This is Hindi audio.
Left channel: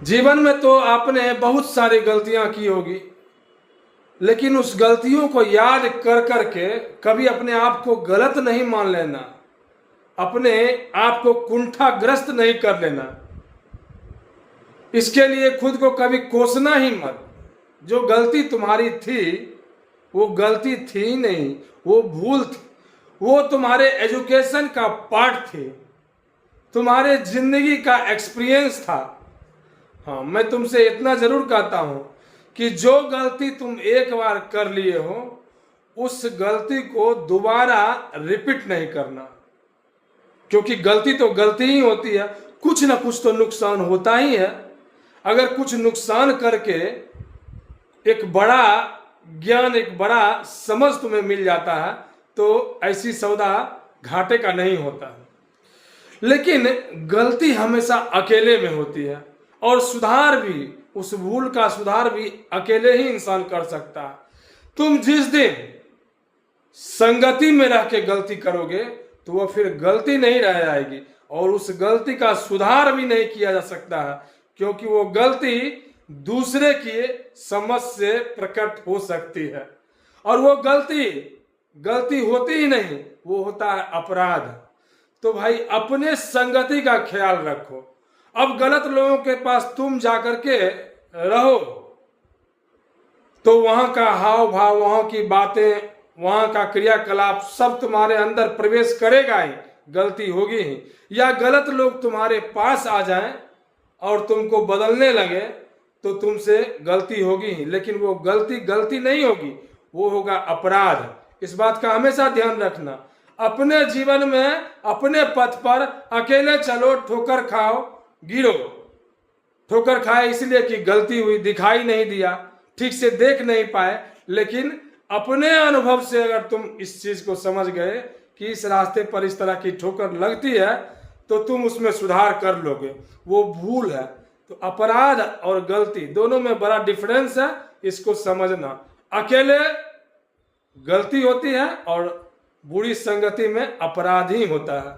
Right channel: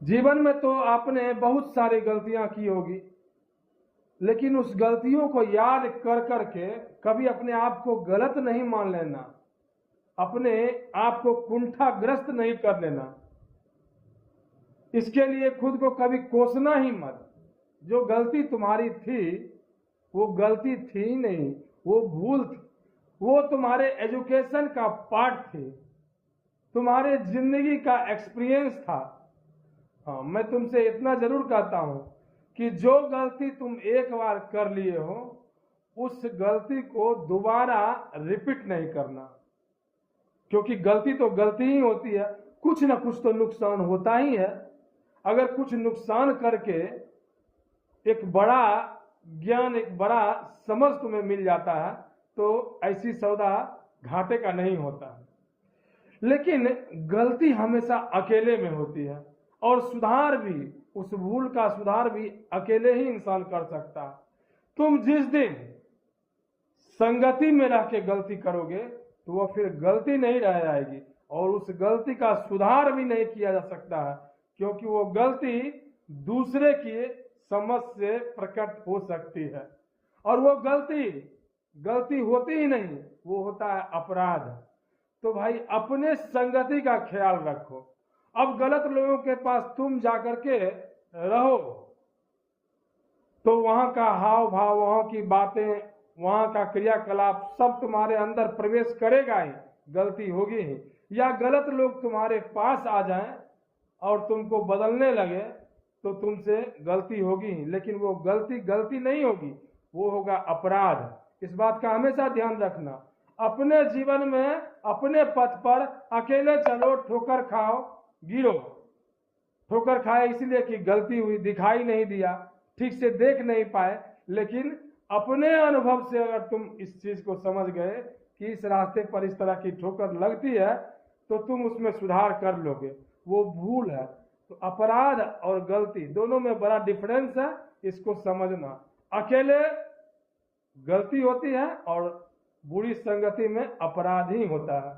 जीवन में तो आपने बहुत सारी गलतियां की होगी, लेकिन उस गलतियों को याद कर करके कभी अपने आप को गलत नहीं मान लेना, अपने आप को कुंठाग्रस्त नहीं कर लेना। इसके लिए खुद को कभी कोसना ही मत। जो गलती तुम्हारी थी वो गलती थी ही नहीं, वो भूल थी। वो तुम्हारे एजुकेशन का पार्ट थी, तुम्हारे जिंदगी का एक्सपीरियंस था। हाँ, मैं तुमसे इतना जरूर कहता हूं कि जो गलती तुम एक बार कर लिए हो उस गलती को दोबारा रिपीट नहीं करना, क्योंकि गलती तो गलती ही होती है। कुछ ना कुछ तो नुकसान होता ही है। अगर कुछ नुकसान करके एक बड़ा ज्ञान, एक बड़ा समझ तुम्हें मिल जाता है तो ऐसी सौदा घाटे का नहीं होता है। लेकिन गलती हमेशा अकेले में होती है, और सुधार भी, उस भूल का सुधार भी अकेले ही इंसान कर सकता है। तुम जिस दिन संगति में रह के गलती करोगे तो वह फिर गलती नहीं रह जाएगी, और उस गलती का सुधार भी नहीं किया जा सकता है, क्योंकि वो गलती दूसरे की समझ से प्रकट हो सकती है। और वो गलती गलती होती ही नहीं, वो होता है अपराध। तो भाई अपने संगति का ख्याल रखो। अब गलत लोगों के पास तुम जाकर के रहो तो वहां का हाव भाव, वहां की बातें, वहां का क्रियाकलाप सब तुम्हारे अंदर प्रवेश करेगा ही, गलती होगी ही। या गलत लोग तुम्हारे पास आ जाएं और तुमको बदलने लगे तो तुमसे गलती होगी ही, लेकिन वो गलती गलती नहीं होगी, वो होगा अपराध। इस बात का हमेशा ध्यान रखना। अपने जीवन में अपने पथ पर अकेले चलो, ठोकर खाओ, गिरो। ठोकर खाए इसलिए कि गलती हुई, दिखाई नहीं दिया, ठीक से देख नहीं पाए, लेकिन अपने अनुभव से अगर तुम इस चीज को समझ गए कि इस रास्ते पर इस तरह की ठोकर लगती है तो तुम उसमें सुधार कर लोगे। वो भूल है। तो अपराध और गलती दोनों में बड़ा डिफरेंस है, इसको समझना। अकेले गलती होती है और बुरी संगति में अपराध ही होता है।